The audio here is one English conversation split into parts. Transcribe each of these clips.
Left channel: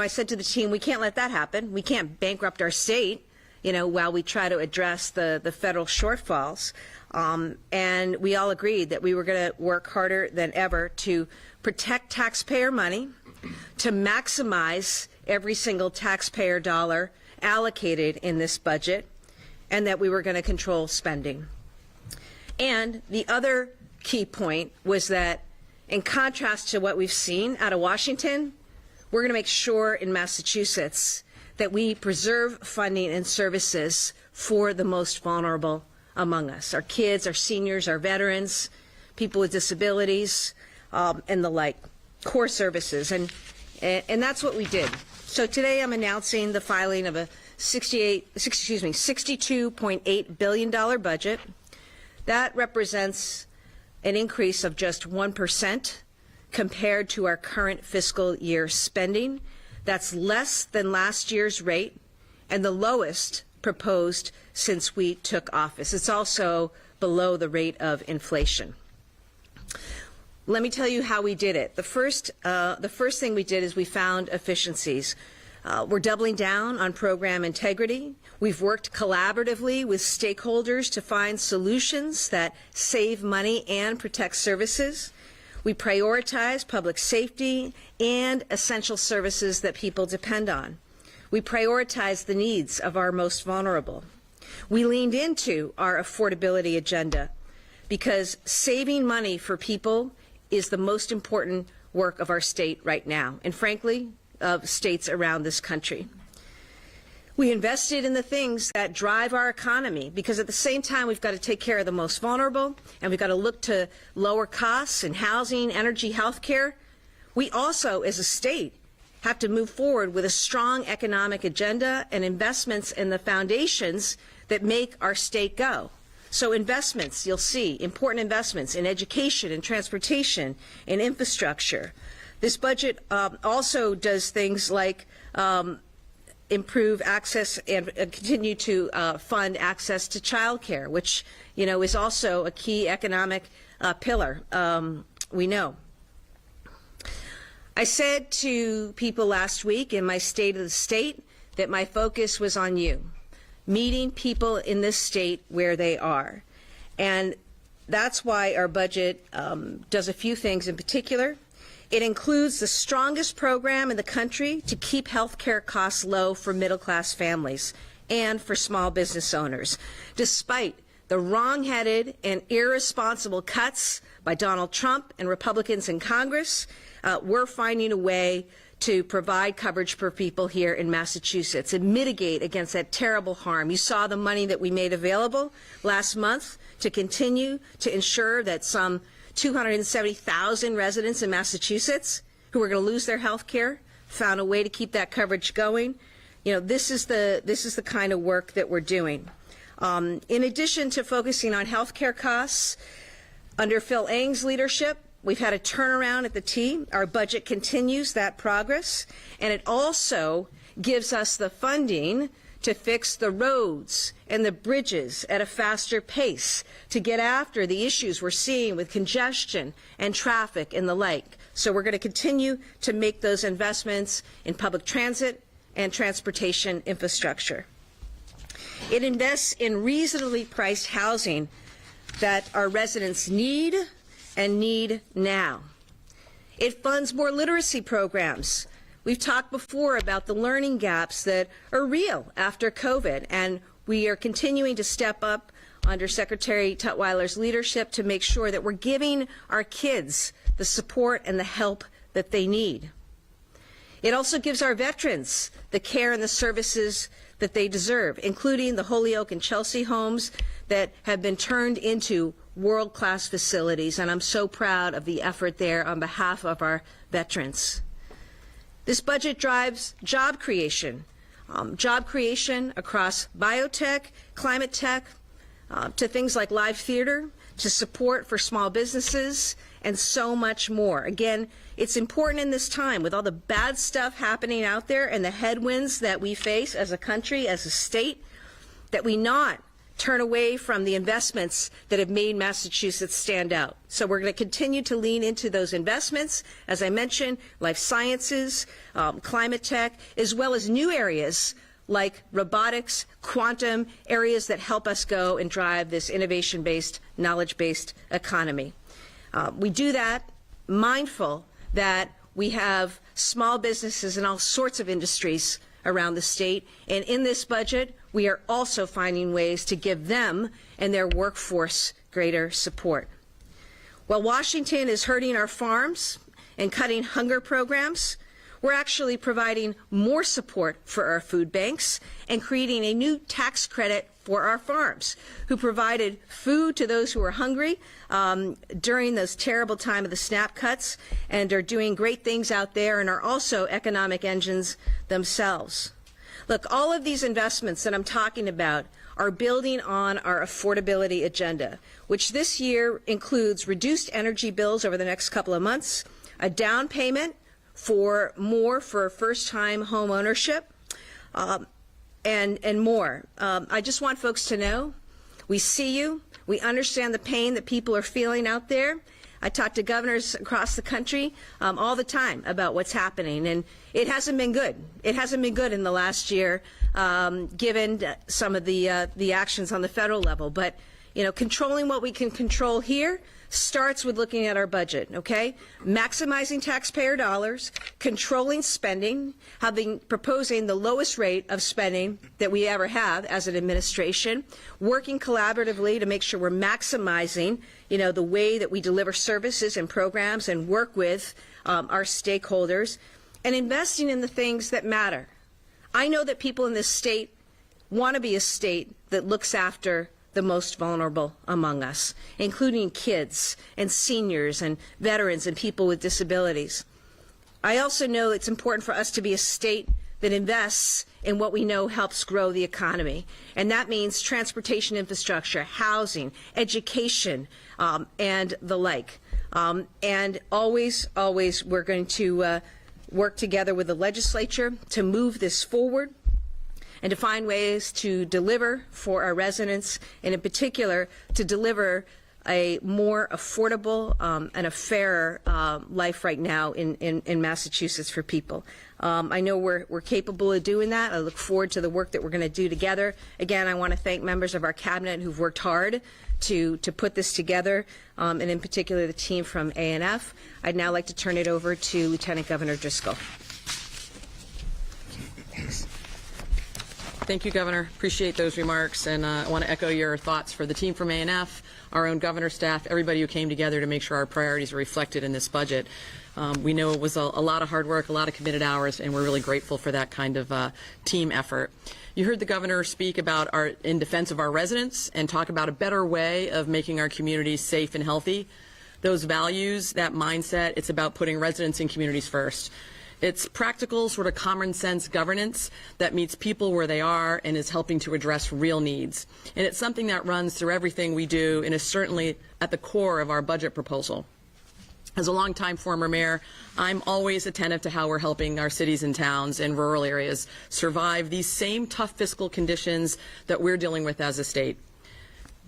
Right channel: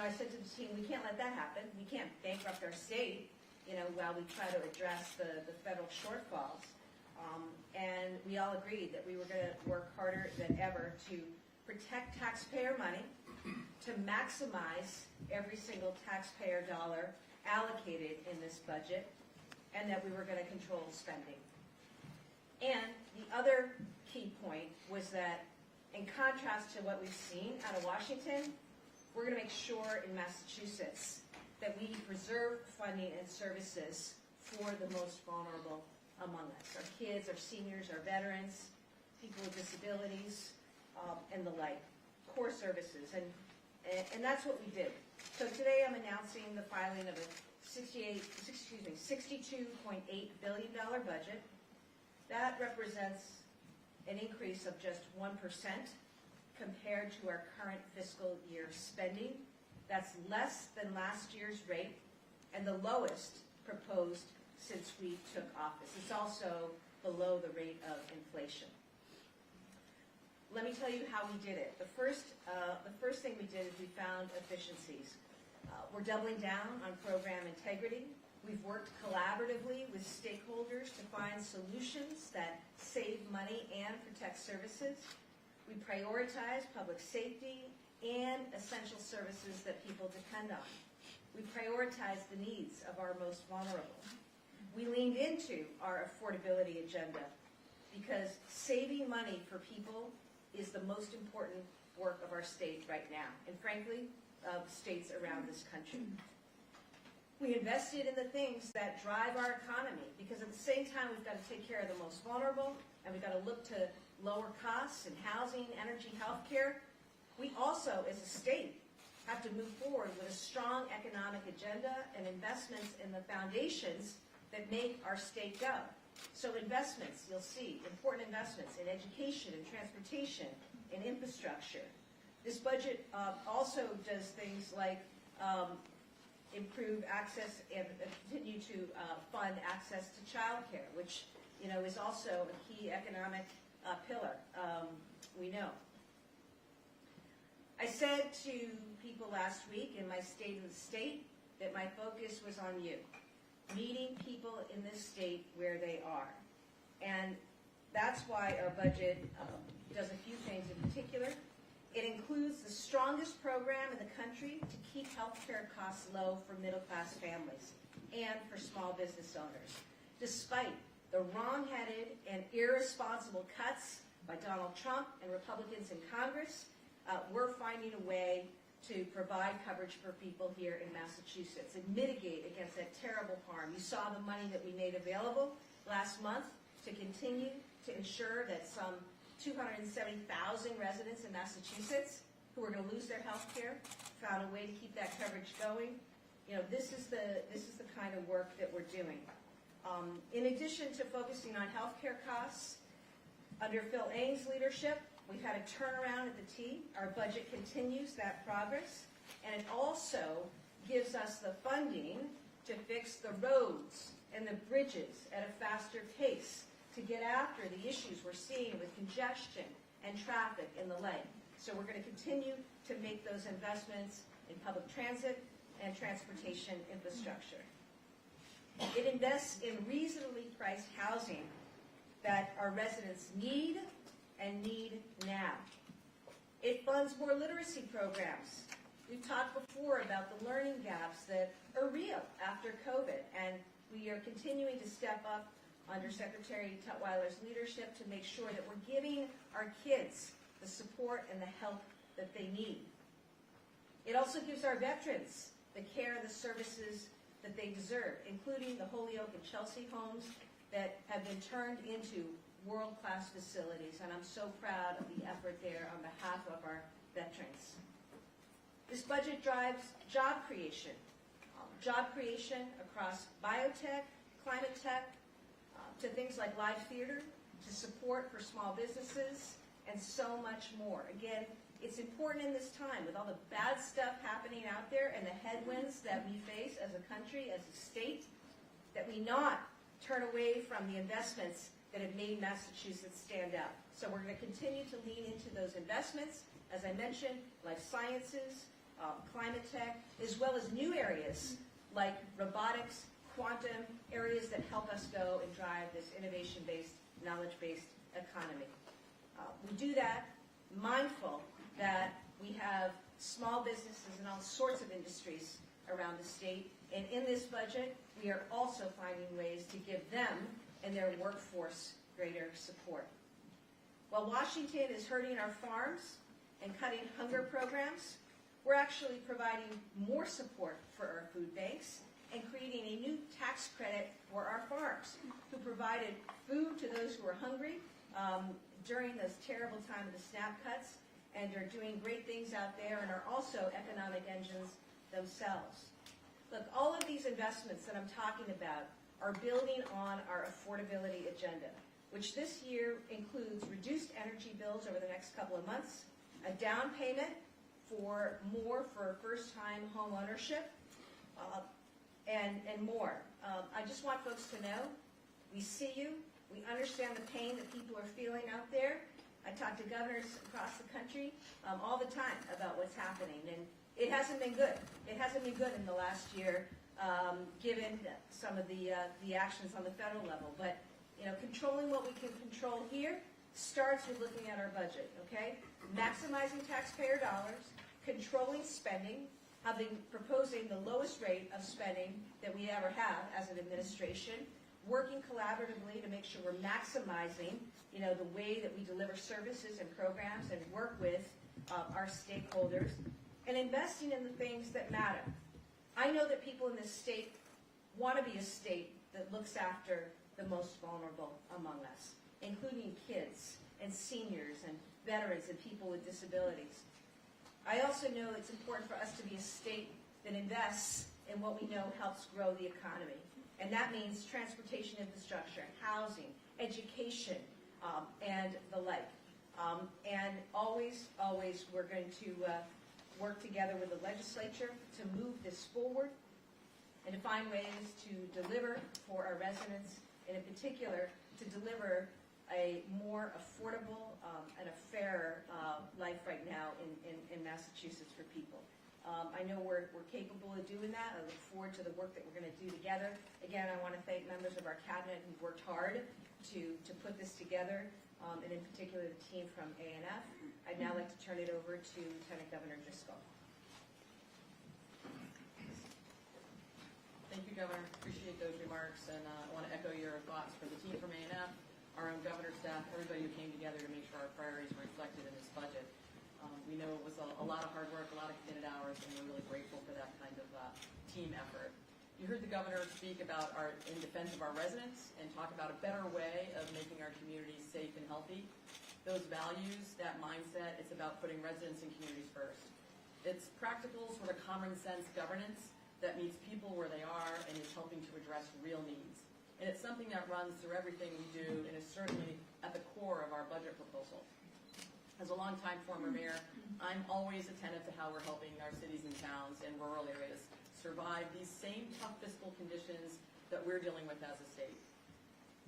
I said to the team, we can't let that happen. We can't bankrupt our state, while we try to address the federal shortfalls. And we all agreed that we were going to work harder than ever to protect taxpayer money, to maximize every single taxpayer dollar allocated in this budget, and that we were going to control spending. And the other key point was that, in contrast to what we've seen out of Washington, we're going to make sure in Massachusetts that we preserve funding and services for the most vulnerable among us, our kids, our seniors, our veterans, people with disabilities, and the like, core services. And that's what we did. So today I'm announcing the filing of a $62.8 billion budget. That represents an increase of just 1% compared to our current fiscal year spending. That's less than last year's rate and the lowest proposed since we took office. It's also below the rate of inflation. Let me tell you how we did it. The first thing we did is we found efficiencies. We're doubling down on program integrity. We've worked collaboratively with stakeholders to find solutions that save money and protect services. We prioritize public safety and essential services that people depend on. We prioritize the needs of our most vulnerable. We leaned into our affordability agenda because saving money for people is the most important work of our state right now, and frankly, of states around this country. We invested in the things that drive our economy because at the same time we've got to take care of the most vulnerable and we've got to look to lower costs in housing, energy, health care. We also, as a state, have to move forward with a strong economic agenda and investments in the foundations that make our state go. So investments, you'll see, important investments in education and transportation and infrastructure. This budget also does things like improve access and continue to fund access to child care, which, is also a key economic pillar, we know. I said to people last week in my State of the State that my focus was on you, meeting people in this state where they are. And that's why our budget does a few things in particular. It includes the strongest program in the country to keep health care costs low for middle-class families and for small business owners. Despite the wrong-headed and irresponsible cuts by Donald Trump and Republicans in Congress, we're finding a way to provide coverage for people here in Massachusetts and mitigate against that terrible harm. You saw the money that we made available last month to continue to ensure that some 270,000 residents in Massachusetts who are going to lose their health care found a way to keep that coverage going. This is the kind of work that we're doing. In addition to focusing on health care costs, under Phil Eng's leadership, we've had a turnaround at the T. Our budget continues that progress, and it also gives us the funding to fix the roads and the bridges at a faster pace, to get after the issues we're seeing with congestion and traffic and the like. So we're going to continue to make those investments in public transit and transportation infrastructure. It invests in reasonably priced housing that our residents need and need now. It funds more literacy programs. We've talked before about the learning gaps that are real after COVID, and we are continuing to step up under Secretary Tutwiler's leadership to make sure that we're giving our kids the support and the help that they need. It also gives our veterans the care and the services that they deserve, including the Holyoke and Chelsea homes that have been turned into world-class facilities, and I'm so proud of the effort there on behalf of our veterans. This budget drives job creation across biotech, climate tech, to things like live theater, to support for small businesses, and so much more. Again, it's important in this time with all the bad stuff happening out there and the headwinds that we face as a country, as a state, that we not turn away from the investments that have made Massachusetts stand out. So we're going to continue to lean into those investments. As I mentioned, life sciences, climate tech, as well as new areas like robotics, quantum, areas that help us go and drive this innovation-based, knowledge-based economy. We do that mindful that we have small businesses in all sorts of industries around the state, and in this budget, we are also finding ways to give them and their workforce greater support. While Washington is hurting our farms and cutting hunger programs, we're actually providing more support for our food banks and creating a new tax credit for our farms, who provided food to those who are hungry during those terrible time of the SNAP cuts, and are doing great things out there and are also economic engines themselves. Look, all of these investments that I'm talking about are building on our affordability agenda, which this year includes reduced energy bills over the next couple of months, a down payment for more for first-time home ownership, and more. I just want folks to know we see you. We understand the pain that people are feeling out there. I talk to governors across the country all the time about what's happening, and it hasn't been good. It hasn't been good in the last year, given some of the actions on the federal level. But you know, controlling what we can control here starts with looking at our budget, okay? Maximizing taxpayer dollars, controlling spending, proposing the lowest rate of spending that we ever have as an administration, working collaboratively to make sure we're maximizing, you know, the way that we deliver services and programs and work with our stakeholders, and investing in the things that matter. I know that people in this state want to be a state that looks after the most vulnerable among us, including kids and seniors and veterans and people with disabilities. I also know it's important for us to be a state that invests in what we know helps grow the economy, and that means transportation infrastructure, housing, education, and the like. And always we're going to work together with the legislature to move this forward and to find ways to deliver for our residents, and in particular to deliver a more affordable and a fairer life right now in Massachusetts for people. I know we're capable of doing that. I look forward to the work that we're going to do together. Again, I want to thank members of our cabinet who've worked hard to put this together, and in particular the team from A&F. I'd now like to turn it over to Lieutenant Governor Driscoll. Thanks. Thank you, Governor. Appreciate those remarks, and I want to echo your thoughts for the team from A&F, our own governor staff, everybody who came together to make sure our priorities are reflected in this budget. We know it was a lot of hard work, a lot of committed hours, and we're really grateful for that kind of team effort. You heard the governor speak about in defense of our residents and talk about a better way of making our communities safe and healthy. Those values, that mindset, it's about putting residents and communities first. It's practical, sort of common sense governance that meets people where they are and is helping to address real needs. And it's something that runs through everything we do and is certainly at the core of our budget proposal. As a longtime former mayor, I'm always attentive to how we're helping our cities and towns and rural areas survive these same tough fiscal conditions that we're dealing with as a state.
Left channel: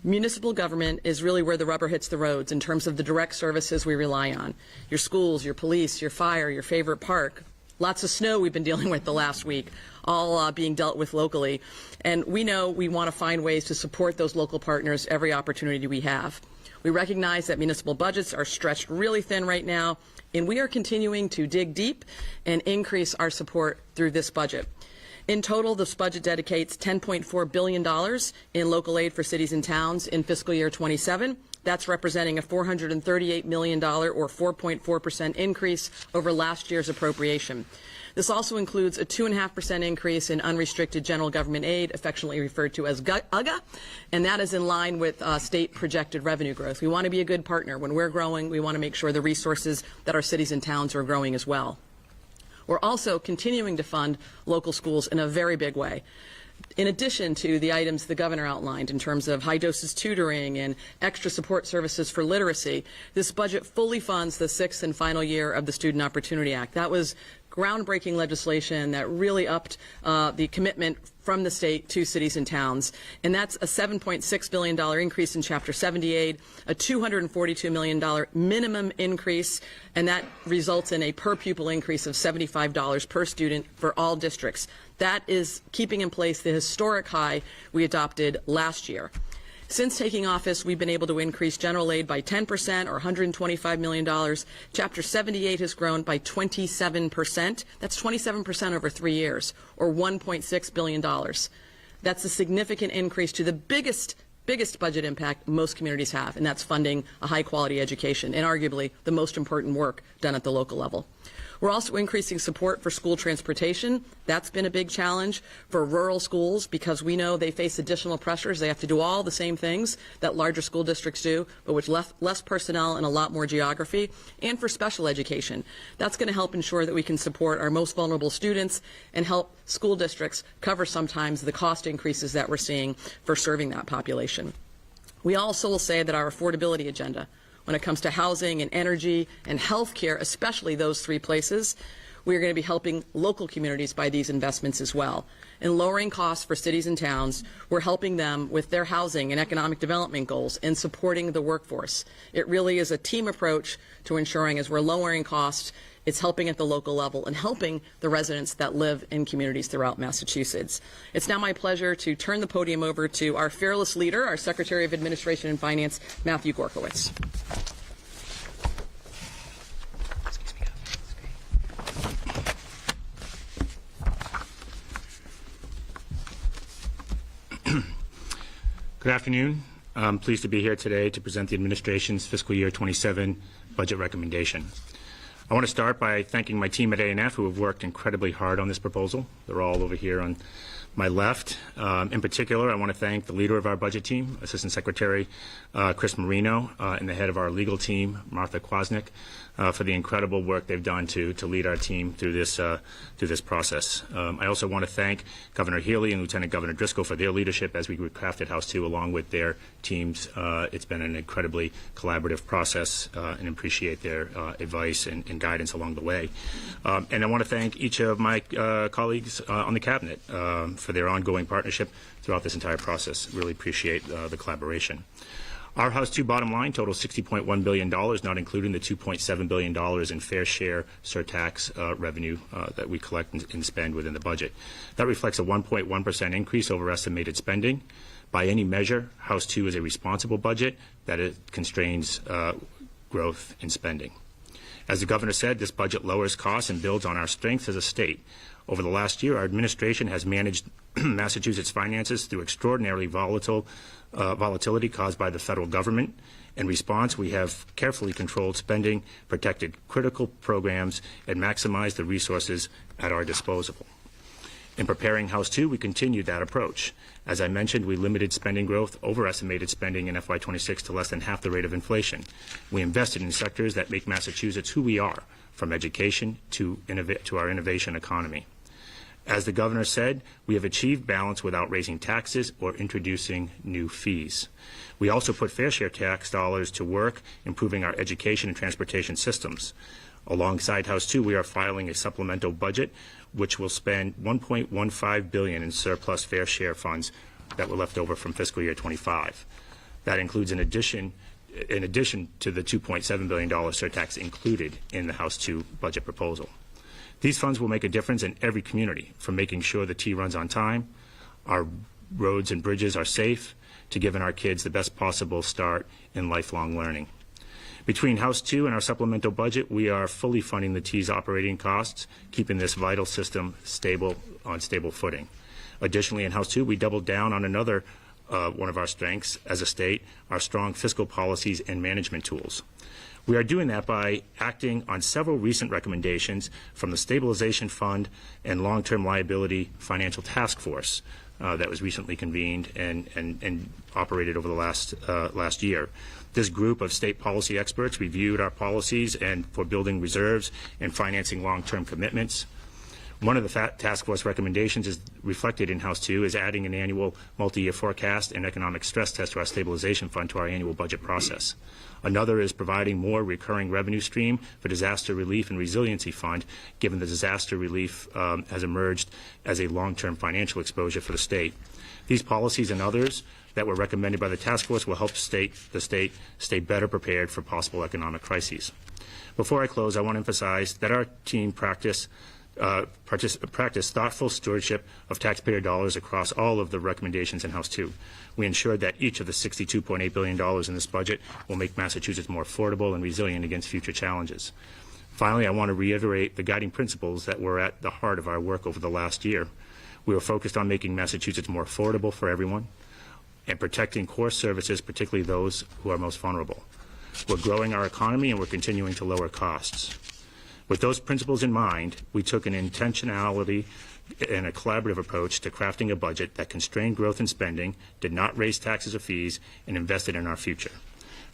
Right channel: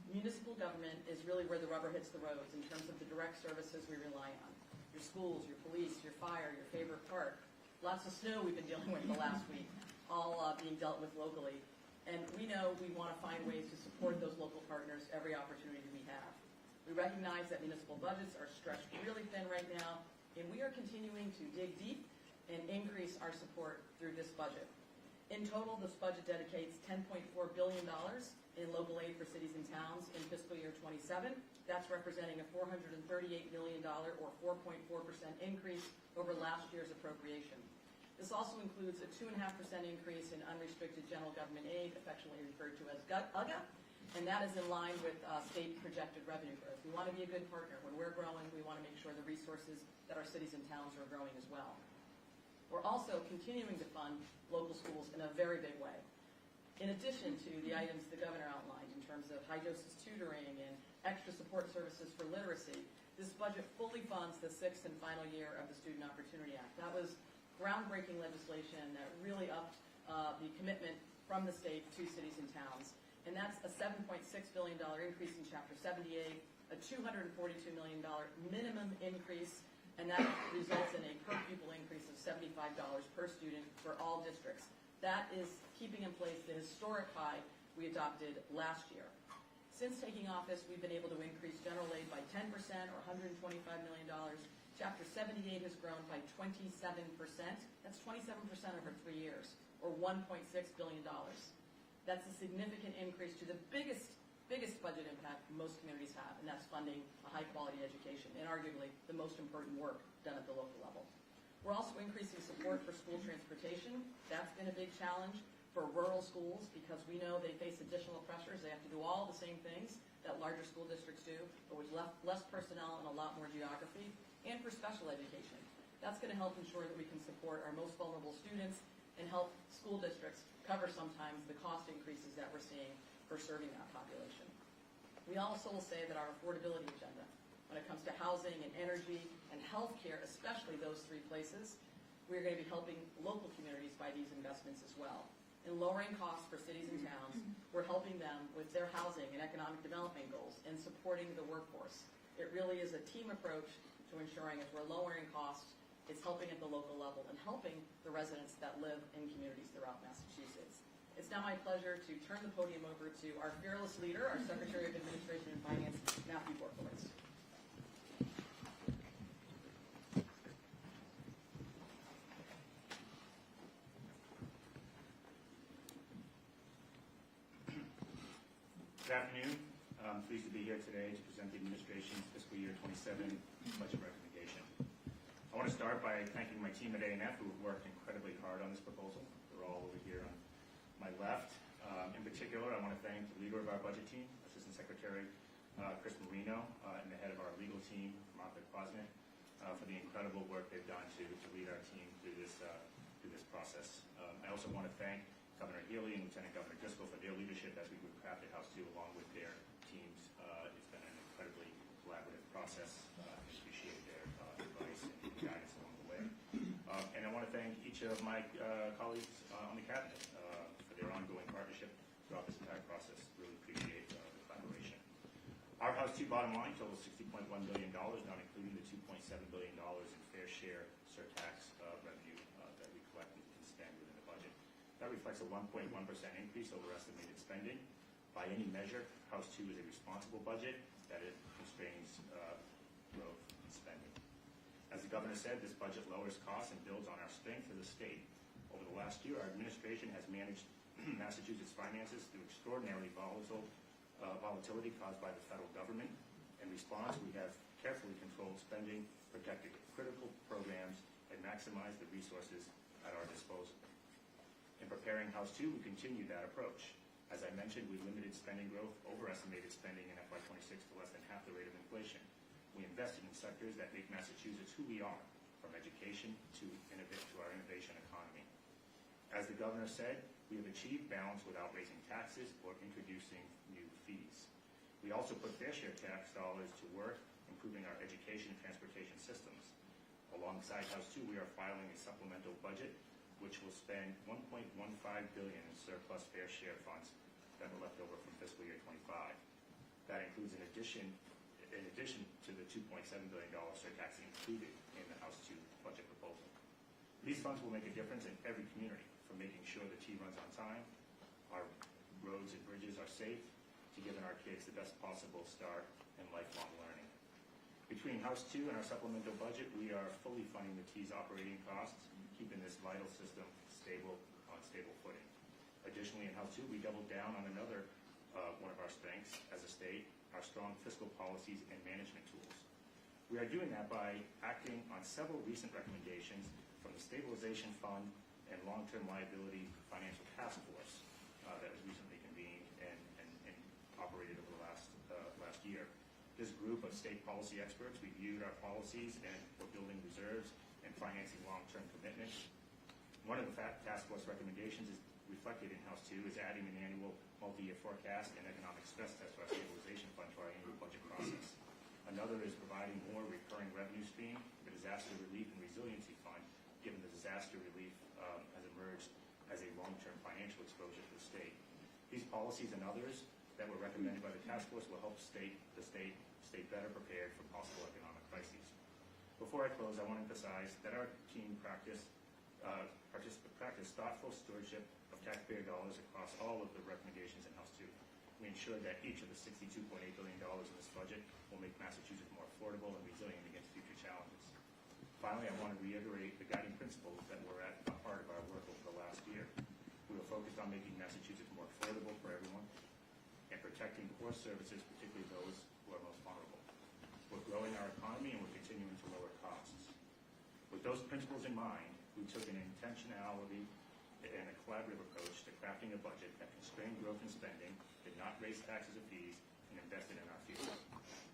Municipal government is really where the rubber hits the roads in terms of the direct services we rely on. Your schools, your police, your fire, your favorite park. Lots of snow we've been dealing with the last week, all being dealt with locally. And we know we want to find ways to support those local partners every opportunity we have. We recognize that municipal budgets are stretched really thin right now, and we are continuing to dig deep and increase our support through this budget. In total, this budget dedicates $10.4 billion in local aid for cities and towns in fiscal year 27. That's representing a $438 million or 4.4% increase over last year's appropriation. This also includes a 2.5% increase in unrestricted general government aid, affectionately referred to as UGA, and that is in line with state projected revenue growth. We want to be a good partner. When we're growing, we want to make sure the resources that our cities and towns are growing as well. We're also continuing to fund local schools in a very big way. In addition to the items the governor outlined in terms of high-doses tutoring and extra support services for literacy, this budget fully funds the 6th and final year of the Student Opportunity Act. That was groundbreaking legislation that really upped the commitment from the state to cities and towns. And that's a $7.6 billion increase in Chapter 78, a $242 million minimum increase, and that results in a per pupil increase of $75 per student for all districts. That is keeping in place the historic high we adopted last year. Since taking office, we've been able to increase general aid by 10%, or $125 million. Chapter 78 has grown by 27%. That's 27% over 3 years, or $1.6 billion. That's a significant increase to the biggest budget impact most communities have, and that's funding a high-quality education, and arguably the most important work done at the local level. We're also increasing support for school transportation. That's been a big challenge for rural schools because we know they face additional pressures. They have to do all the same things that larger school districts do, but with less personnel and a lot more geography. And for special education, that's going to help ensure that we can support our most vulnerable students and help school districts cover sometimes the cost increases that we're seeing for serving that population. We also will say that our affordability agenda, when it comes to housing and energy and health care, especially those three places, we are going to be helping local communities by these investments as well. In lowering costs for cities and towns, we're helping them with their housing and economic development goals and supporting the workforce. It really is a team approach to ensuring as we're lowering costs, it's helping at the local level and helping the residents that live in communities throughout Massachusetts. It's now my pleasure to turn the podium over to our fearless leader, our Secretary of Administration and Finance, Matthew Gorkowitz. Good afternoon. I'm pleased to be here today to present the administration's fiscal year 27 budget recommendation. I want to start by thanking my team at A&F who have worked incredibly hard on this proposal. They're all over here on my left. In particular, I want to thank the leader of our budget team, Assistant Secretary Chris Marino, and the head of our legal team, Martha Kwasnick, for the incredible work they've done to lead our team through this process. I also want to thank Governor Healey and Lieutenant Governor Driscoll for their leadership as we crafted House 2 along with their teams. It's been an incredibly collaborative process and appreciate their advice and guidance along the way. And I want to thank each of my colleagues on the Cabinet for their ongoing partnership throughout this entire process. Really appreciate the collaboration. Our House 2 bottom line totals $60.1 billion, not including the $2.7 billion in fair share surtax revenue that we collect and spend within the budget. That reflects a 1.1% increase over estimated spending. By any measure, House 2 is a responsible budget that it constrains growth in spending. As the governor said, this budget lowers costs and builds on our strengths as a state. Over the last year, our administration has managed Massachusetts finances through extraordinarily volatility caused by the federal government. In response, we have carefully controlled spending, protected critical programs, and maximized the resources at our disposal. In preparing House 2, we continued that approach. As I mentioned, we limited spending growth, overestimated spending in FY26 to less than half the rate of inflation. We invested in sectors that make Massachusetts who we are, from education to our innovation economy. As the governor said, we have achieved balance without raising taxes or introducing new fees. We also put fair share tax dollars to work, improving our education and transportation systems. Alongside House 2, we are filing a supplemental budget which will spend $1.15 billion in surplus fair share funds that were left over from fiscal year 25. That includes in addition to the $2.7 billion surtax included in the House 2 budget proposal. These funds will make a difference in every community, from making sure the T runs on time, our roads and bridges are safe, to giving our kids the best possible start in lifelong learning. Between House 2 and our supplemental budget, we are fully funding the T's operating costs, keeping this vital system on stable footing. Additionally, in House 2, we doubled down on another one of our strengths as a state, our strong fiscal policies and management tools. We are doing that by acting on several recent recommendations from the Stabilization Fund and Long-Term Liability Financial Task Force that was recently convened and operated over the last year. This group of state policy experts reviewed our policies and for building reserves and financing long-term commitments. One of the task force recommendations is reflected in House 2 is adding an annual multi-year forecast and economic stress test to our stabilization fund to our annual budget process. Another is providing more recurring revenue stream for disaster relief and resiliency fund, given the disaster relief has emerged as a long-term financial exposure for the state. These policies and others that were recommended by the task force will help the state stay better prepared for possible economic crises. Before I close, I want to emphasize that our team practice thoughtful stewardship of taxpayer dollars across all of the recommendations in House 2. We ensured that each of the $62.8 billion in this budget will make Massachusetts more affordable and resilient against future challenges. Finally, I want to reiterate the guiding principles that were at the heart of our work over the last year. We were focused on making Massachusetts more affordable for everyone and protecting core services, particularly those who are most vulnerable. We're growing our economy and we're continuing to lower costs. With those principles in mind, we took an intentionality and a collaborative approach to crafting a budget that constrained growth and spending, did not raise taxes or fees, and invested in our future.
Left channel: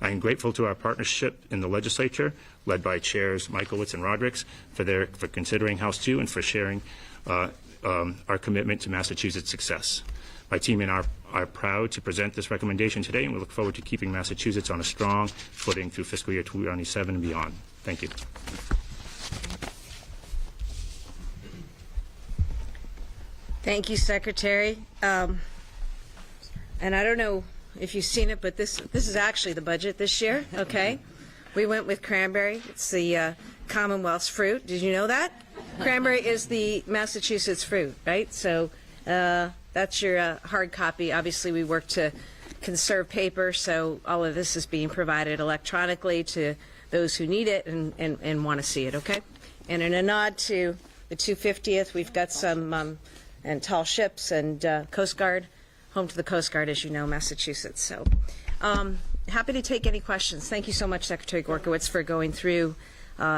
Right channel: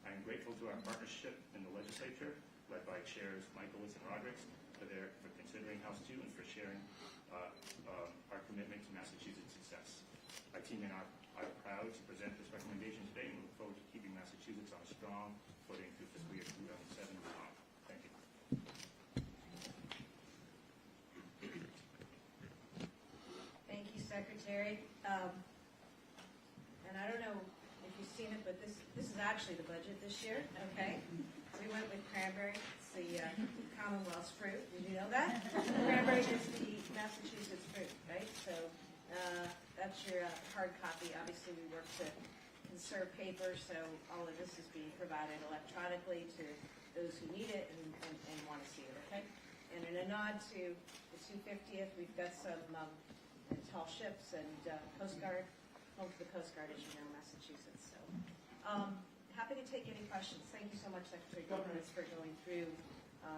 I am grateful to our partnership in the legislature, led by Chairs Michaelwitz and Rodrick, for considering House 2 and for sharing our commitment to Massachusetts' success. My team and I are proud to present this recommendation today, and we look forward to keeping Massachusetts on a strong footing through fiscal year 2027 and beyond. Thank you. Thank you, Secretary. And I don't know if you've seen it, but this is actually the budget this year, okay? We went with cranberry. It's the Commonwealth's fruit. Did you know that? Cranberry is the Massachusetts fruit, right? So that's your hard copy. Obviously, we work to conserve paper, so all of this is being provided electronically to those who need it and want to see it, okay? And in a nod to the 250th, we've got some and tall ships and Coast Guard, home to the Coast Guard, as you know, Massachusetts. So happy to take any questions. Thank you so much, Secretary Gorkowitz, for going through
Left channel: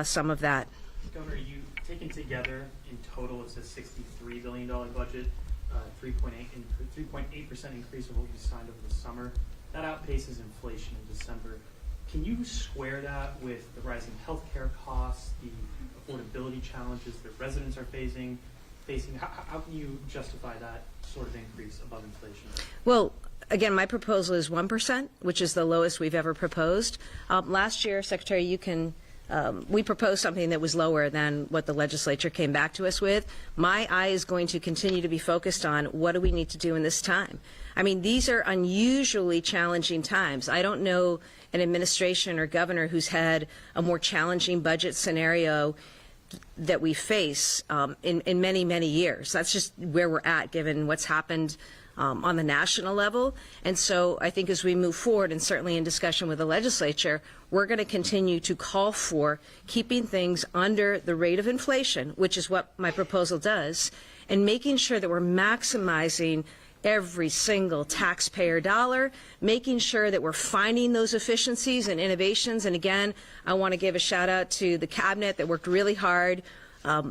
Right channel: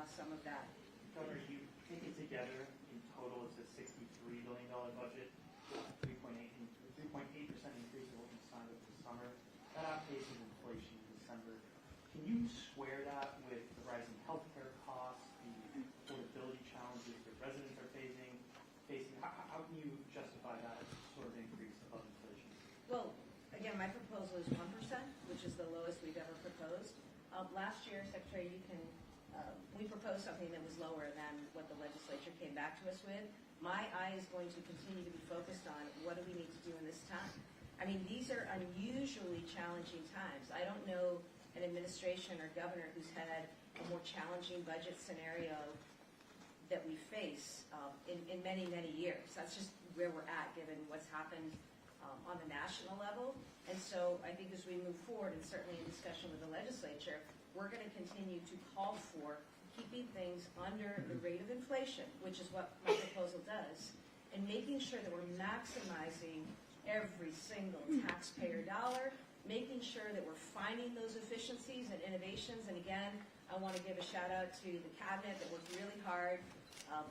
some of that. Governor, you taken together in total, it's a $63 billion budget, 3.8% increase of what you signed over the summer. That outpaces inflation in December. Can you square that with the rising healthcare costs, the affordability challenges that residents are facing? How can you justify that sort of increase above inflation? Well, again, my proposal is 1%, which is the lowest we've ever proposed. Last year, Secretary, we proposed something that was lower than what the legislature came back to us with. My eye is going to continue to be focused on what do we need to do in this time. I mean, these are unusually challenging times. I don't know an administration or governor who's had a more challenging budget scenario that we face in many, many years. That's just where we're at, given what's happened on the national level. And so I think as we move forward, and certainly in discussion with the legislature, we're going to continue to call for keeping things under the rate of inflation, which is what my proposal does, and making sure that we're maximizing every single taxpayer dollar, making sure that we're finding those efficiencies and innovations. And again, I want to give a shout out to the cabinet that worked really hard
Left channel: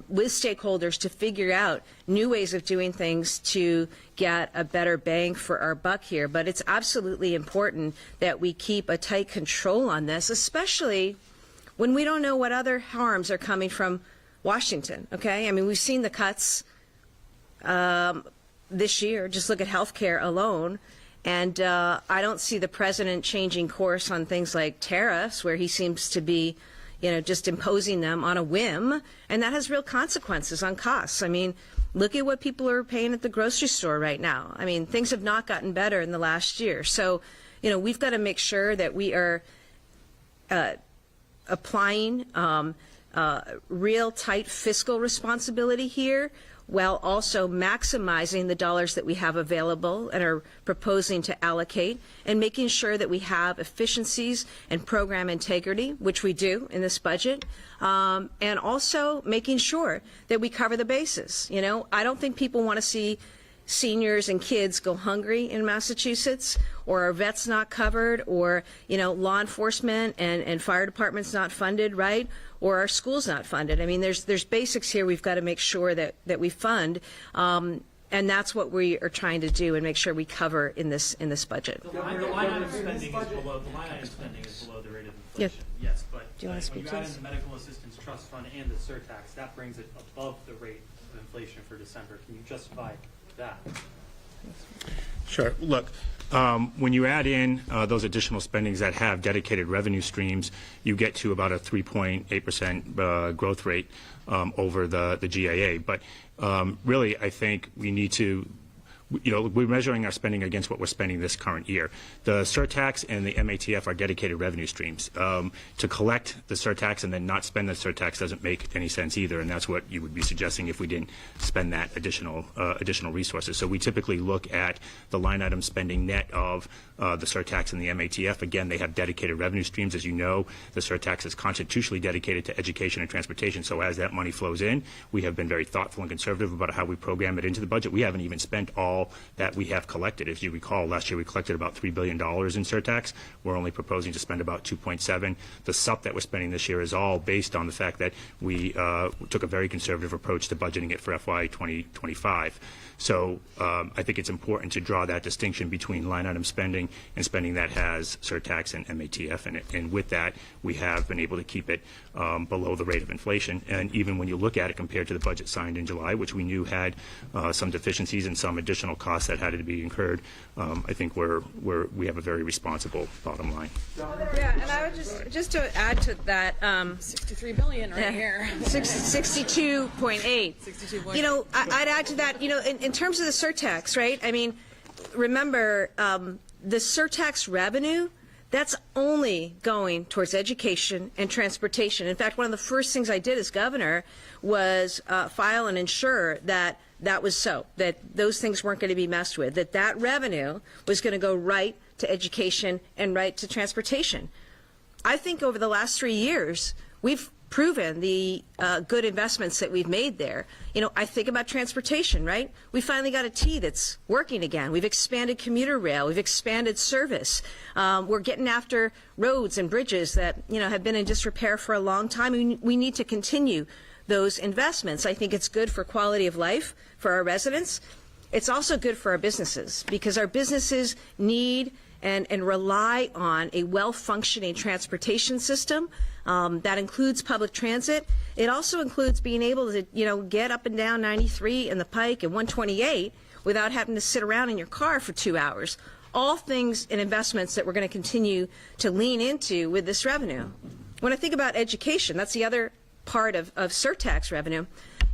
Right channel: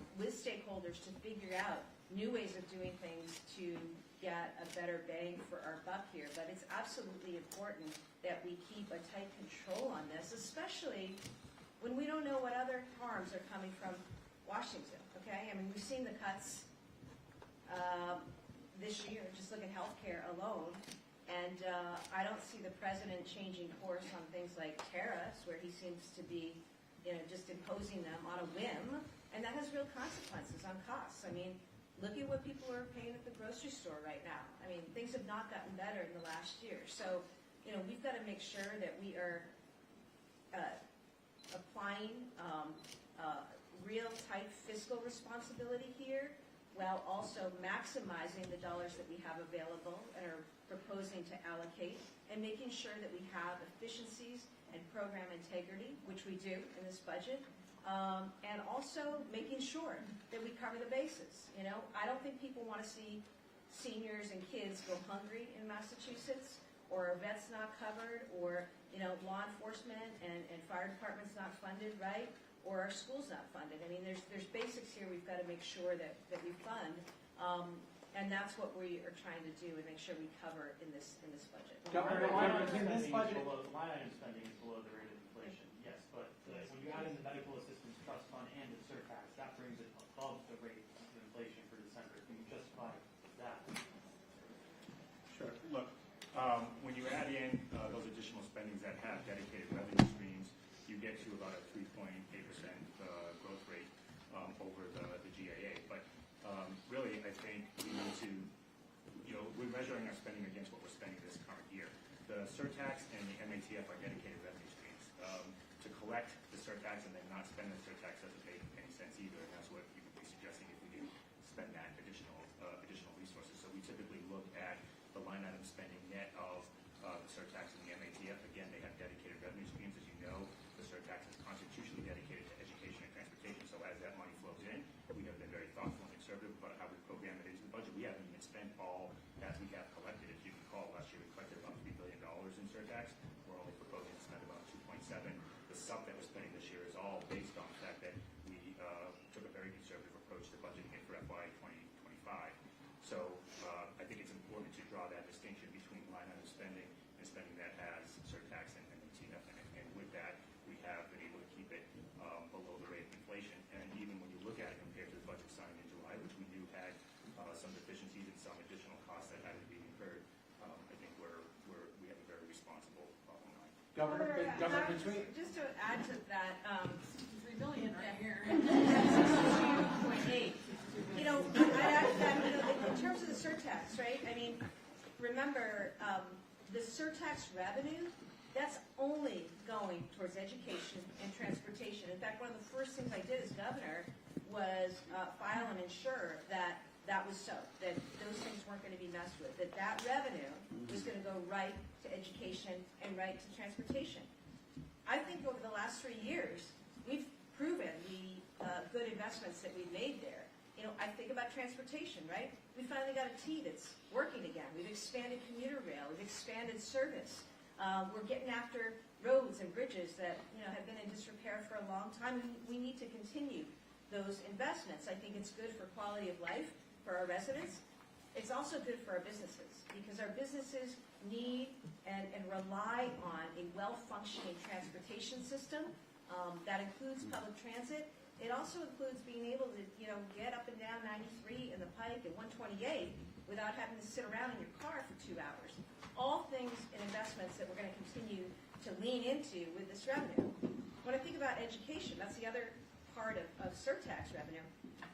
with stakeholders to figure out new ways of doing things to get a better bang for our buck here. But it's absolutely important that we keep a tight control on this, especially when we don't know what other harms are coming from Washington, okay? I mean, we've seen the cuts this year. Just look at health care alone. And I don't see the president changing course on things like tariffs, where he seems to be, just imposing them on a whim. And that has real consequences on costs. I mean, look at what people are paying at the grocery store right now. I mean, things have not gotten better in the last year. So, we've got to make sure that we are applying real tight fiscal responsibility here, while also maximizing the dollars that we have available and are proposing to allocate, and making sure that we have efficiencies and program integrity, which we do in this budget, and also making sure that we cover the bases. I don't think people want to see seniors and kids go hungry in Massachusetts, or our vets not covered, or law enforcement and fire departments not funded, right? Or our schools not funded. I mean, there's basics here we've got to make sure that we fund, and that's what we are trying to do and make sure we cover in this budget. The line item spending is below the rate of inflation. Yes, but do you want to speak when you add to in the medical assistance trust fund and the surtax, that brings it above the rate of inflation for December. Can you justify that? Sure. Look, when you add in those additional spendings that have dedicated revenue streams, you get to about a 3.8% growth rate over the GAA. But really, I think we need to, we're measuring our spending against what we're spending this current year. The surtax and the MATF are dedicated revenue streams. To collect the surtax and then not spend the surtax doesn't make any sense either, and that's what you would be suggesting if we didn't spend that additional resources. So we typically look at the line item spending net of the surtax and the MATF. Again, they have dedicated revenue streams. As you know, the surtax is constitutionally dedicated to education and transportation, so as that money flows in, we have been very thoughtful and conservative about how we program it into the budget. We haven't even spent all that we have collected. If you recall, last year we collected about $3 billion in surtax. We're only proposing to spend about 2.7. The sup that we're spending this year is all based on the fact that we took a very conservative approach to budgeting it for FY 2025. So I think it's important to draw that distinction between line item spending and spending that has surtax and MATF in it. And with that, we have been able to keep it below the rate of inflation. And even when you look at it compared to the budget signed in July, which we knew had some deficiencies and some additional costs that had to be incurred, I think we have a very responsible bottom line. Yeah, and I would just to add to that, $63 billion right here. 62.8. 62.8. I'd add to that, in terms of the surtax, right? I mean, remember, the surtax revenue, that's only going towards education and transportation. In fact, one of the first things I did as governor was file and ensure that was so, that those things weren't going to be messed with, that revenue was going to go right to education and right to transportation. I think over the last 3 years, we've proven the good investments that we've made there. I think about transportation, right? We finally got a T that's working again. We've expanded commuter rail. We've expanded service. We're getting after roads and bridges that, have been in disrepair for a long time. We need to continue those investments. I think it's good for quality of life for our residents. It's also good for our businesses because our businesses need and rely on a well-functioning transportation system. That includes public transit. It also includes being able to, get up and down 93 and the Pike and 128 without having to sit around in your car for 2 hours. All things and investments that we're going to continue to lean into with this revenue. When I think about education, that's the other part of surtax revenue.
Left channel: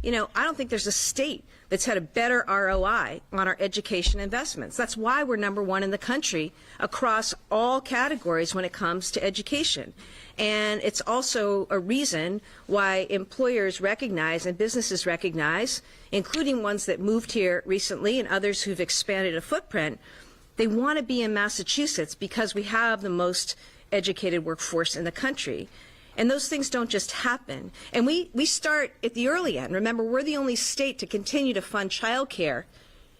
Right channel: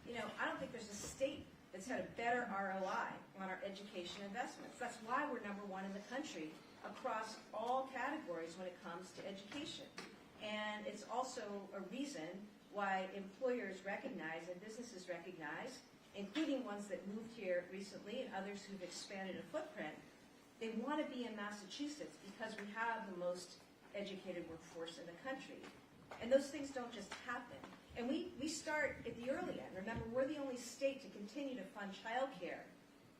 I don't think there's a state that's had a better ROI on our education investments. That's why we're #1 in the country across all categories when it comes to education. And it's also a reason why employers recognize and businesses recognize, including ones that moved here recently and others who've expanded a footprint, they want to be in Massachusetts because we have the most educated workforce in the country. And those things don't just happen. And we start at the early end. Remember, we're the only state to continue to fund child care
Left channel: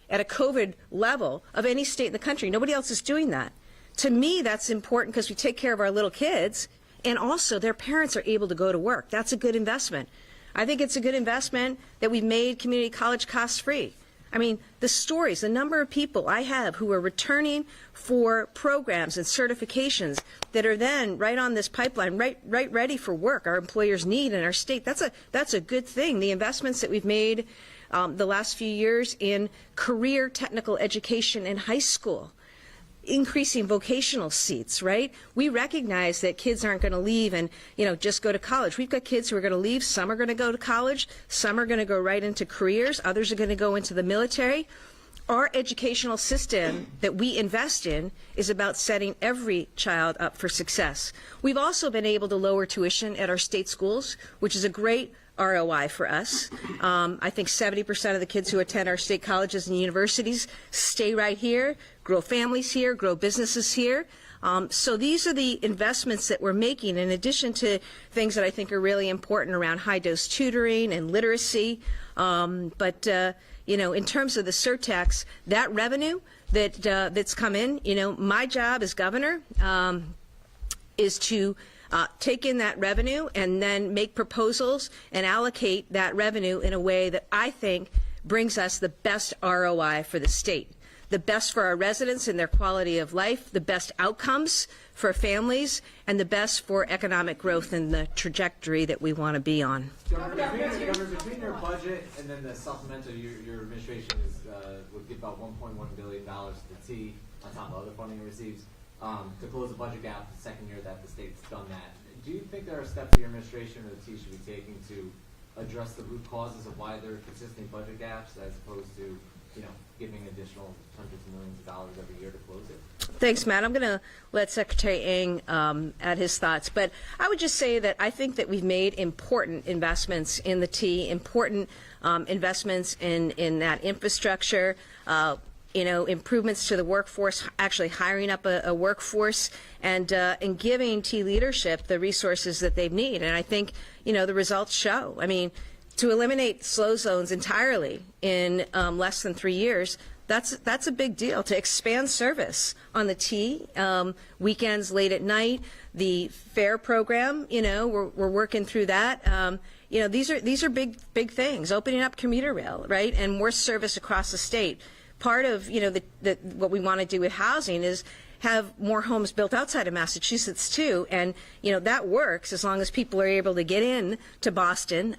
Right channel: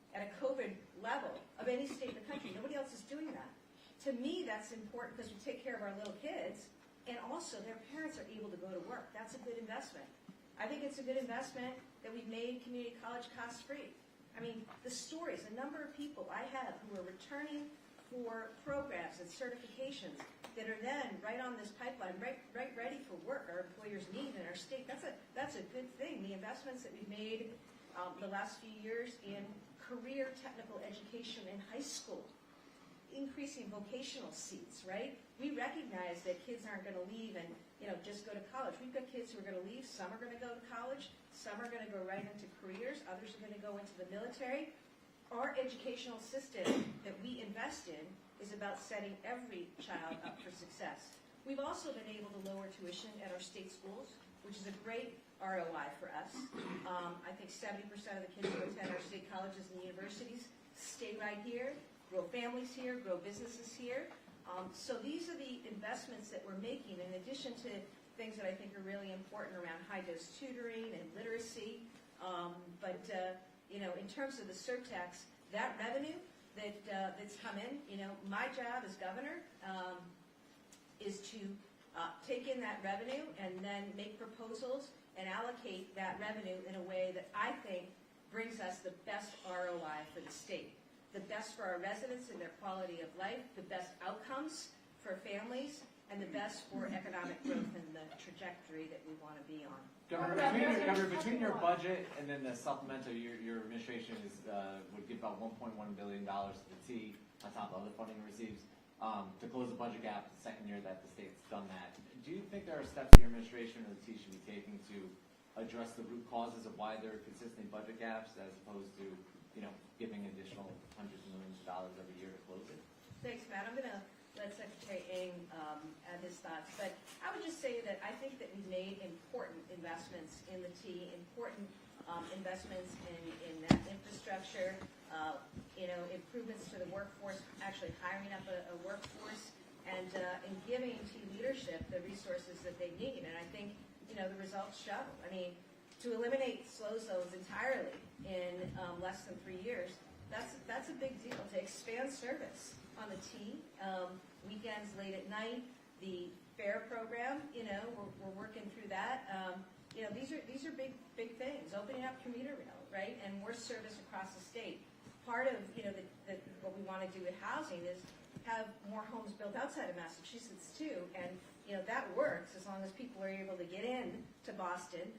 at a COVID level of any state in the country. Nobody else is doing that. To me, that's important because we take care of our little kids, and also their parents are able to go to work. That's a good investment. I think it's a good investment that we've made community college cost-free. I mean, the stories, the number of people I have who are returning for programs and certifications that are then right on this pipeline, right ready for work our employers need in our state, that's a good thing. The investments that we've made the last few years in career technical education in high school, increasing vocational seats, right? We recognize that kids aren't going to leave and, just go to college. We've got kids who are going to leave. Some are going to go to college. Some are going to go right into careers. Others are going to go into the military. Our educational system that we invest in is about setting every child up for success. We've also been able to lower tuition at our state schools, which is a great ROI for us. I think 70% of the kids who attend our state colleges and universities stay right here, grow families here, grow businesses here. So these are the investments that we're making in addition to things that I think are really important around high-dose tutoring and literacy. In terms of the surtax, that revenue that's come in, my job as governor is to take in that revenue and then make proposals and allocate that revenue in a way that I think brings us the best ROI for the state, the best for our residents and their quality of life, the best outcomes for families and the best for economic growth and the trajectory that we want to be on. Governor, between your budget and then the supplemental, your administration would give about $1.1 billion to the T on top of other funding it receives to close the budget gap the second year that the state's done that. Do you think there are steps the administration or the T should be taking to address the root causes of why there are consistent budget gaps as opposed to, giving additional hundreds of millions of dollars every year to close it? Thanks, Matt. I'm going to let Secretary Ng add his thoughts. But I would just say that I think that we've made important investments in the T, important investments in that infrastructure, improvements to the workforce, actually hiring up a workforce, and giving T leadership the resources that they need. And I think, the results show. I mean, to eliminate slow zones entirely in less than 3 years, that's a big deal. To expand service on the T, weekends, late at night, the fare program, we're working through that. These are big things. Opening up commuter rail, right, and more service across the state. Part of what we want to do with housing is have more homes built outside of Massachusetts too, and that works as long as people are able to get in to Boston,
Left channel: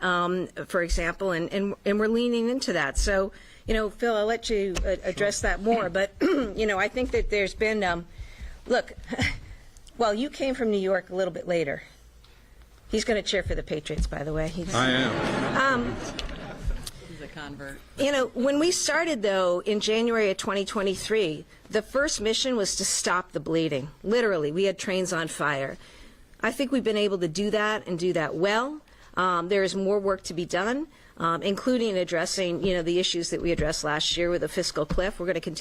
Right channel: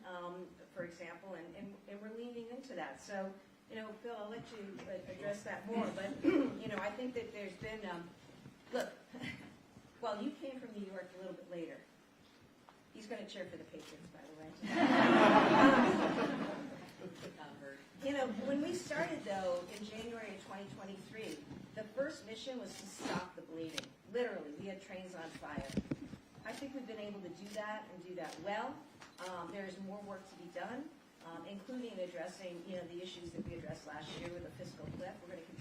for example, and we're leaning into that. So, Phil, I'll let you address that more, but I think that there's been, look, well, you came from New York a little bit later. He's going to cheer for the Patriots, by the way. I am. He's a convert. When we started, though, in January of 2023, the first mission was to stop the bleeding. Literally, we had trains on fire. I think we've been able to do that and do that well. There is more work to be done, including addressing, the issues that we addressed last year with the fiscal cliff. We're going to continue